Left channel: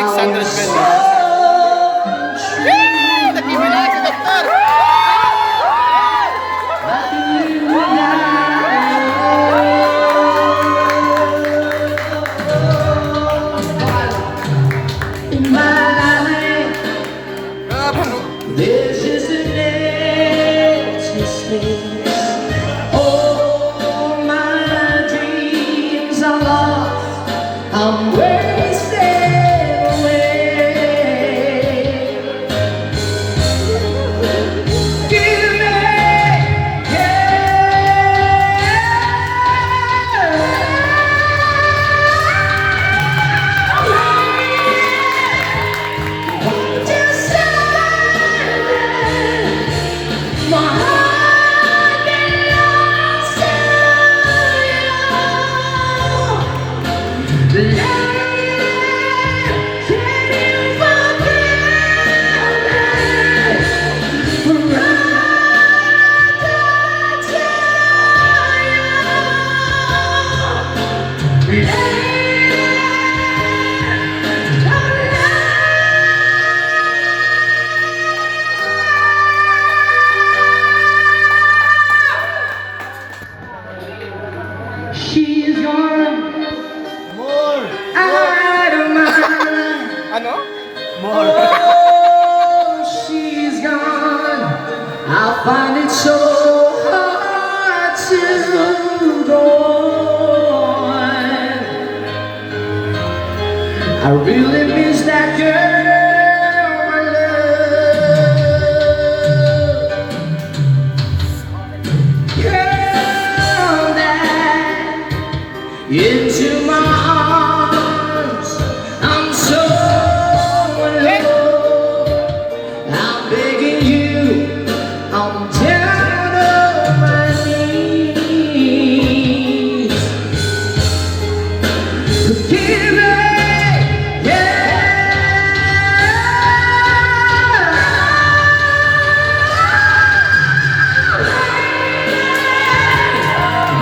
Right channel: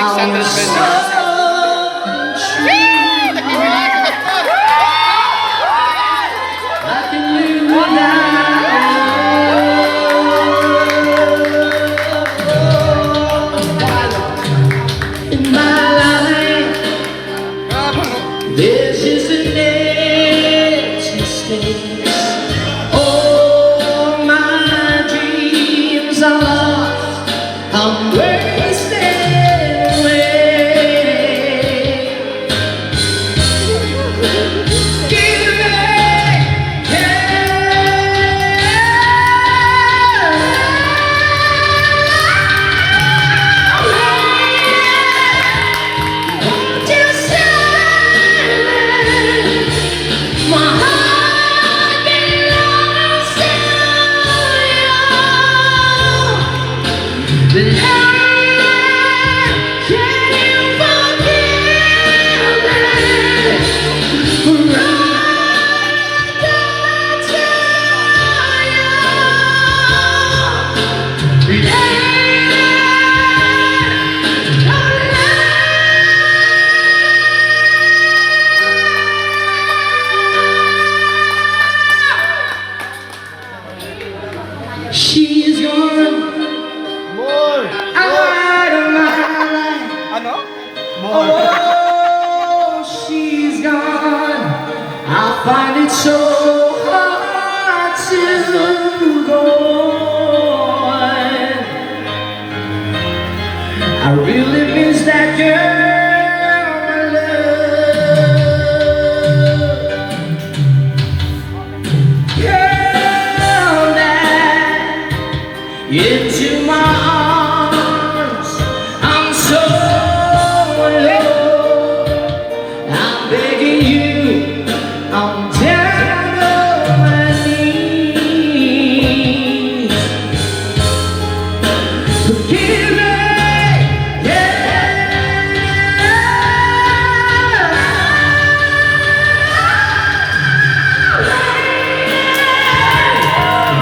600 pesos. This is an empty space. All my dreams are lost. I'm wasted away. Give me won't you my heart belongs to you. Can you forgive me for all that she's gone out of my life. Ano? Oh, she's gone. I find it so hard to go on. I really miss that girl I love. Girl that into my arms, I'm so alone. I'm begging you, I'm down on my knees. Forgive me,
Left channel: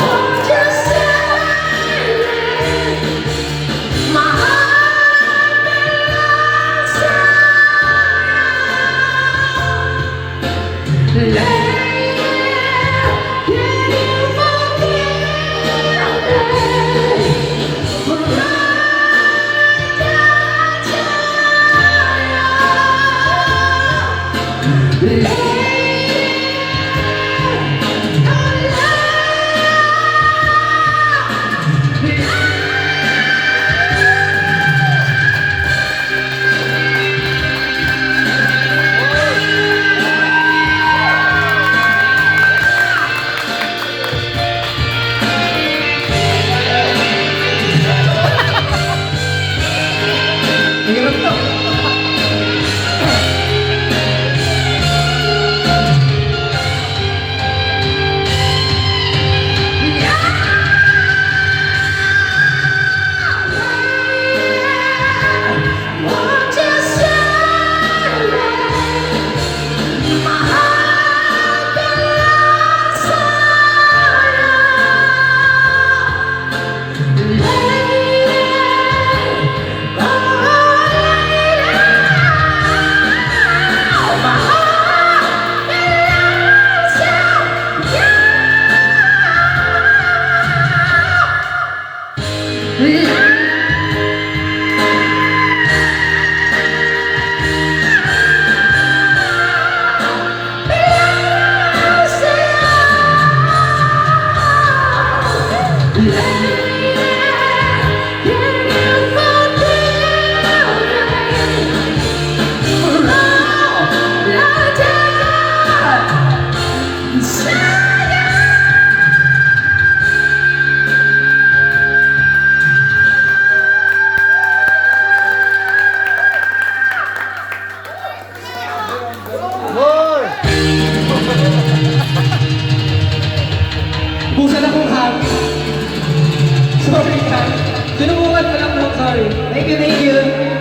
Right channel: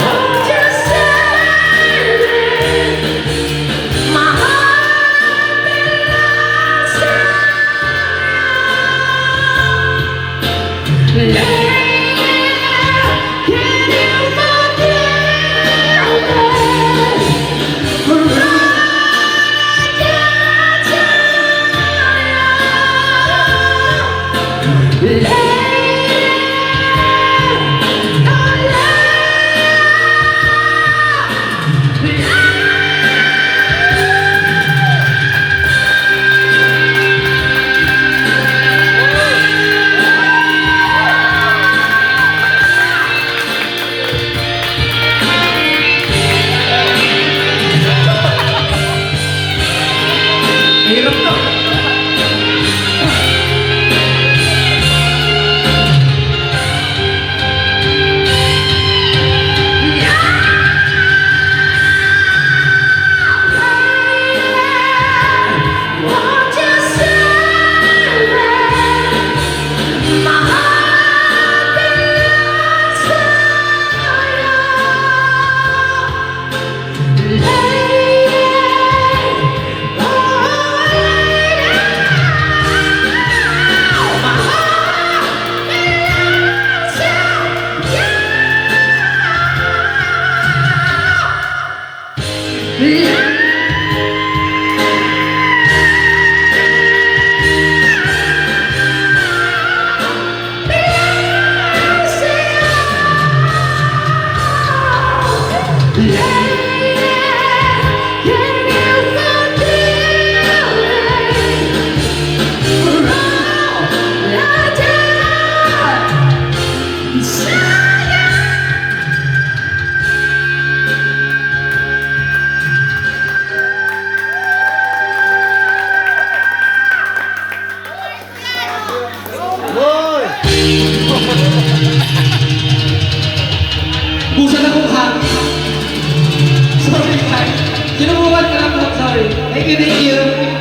won't you save me? My heart belongs to you. Can you forgive me for all won't you save me? My heart belongs to you. My heart belongs to you. Busa na kong hangin. Sorry, guys. Sinubukan ka lang po, sorry. Thank you, thank you.